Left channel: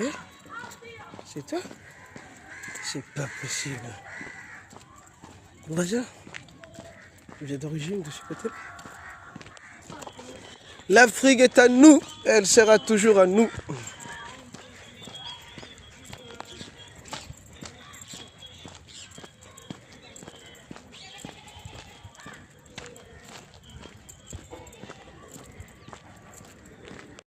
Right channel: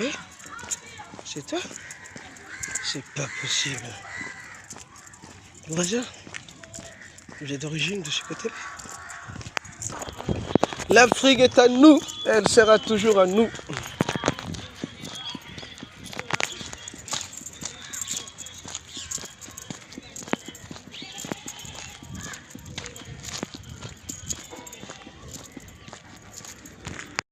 Eh? C'est toi? C'est pas possible. Voisin, vous êtes d'origine de ce côté-là? L'Afrique est à nous, elle sera toujours à nous.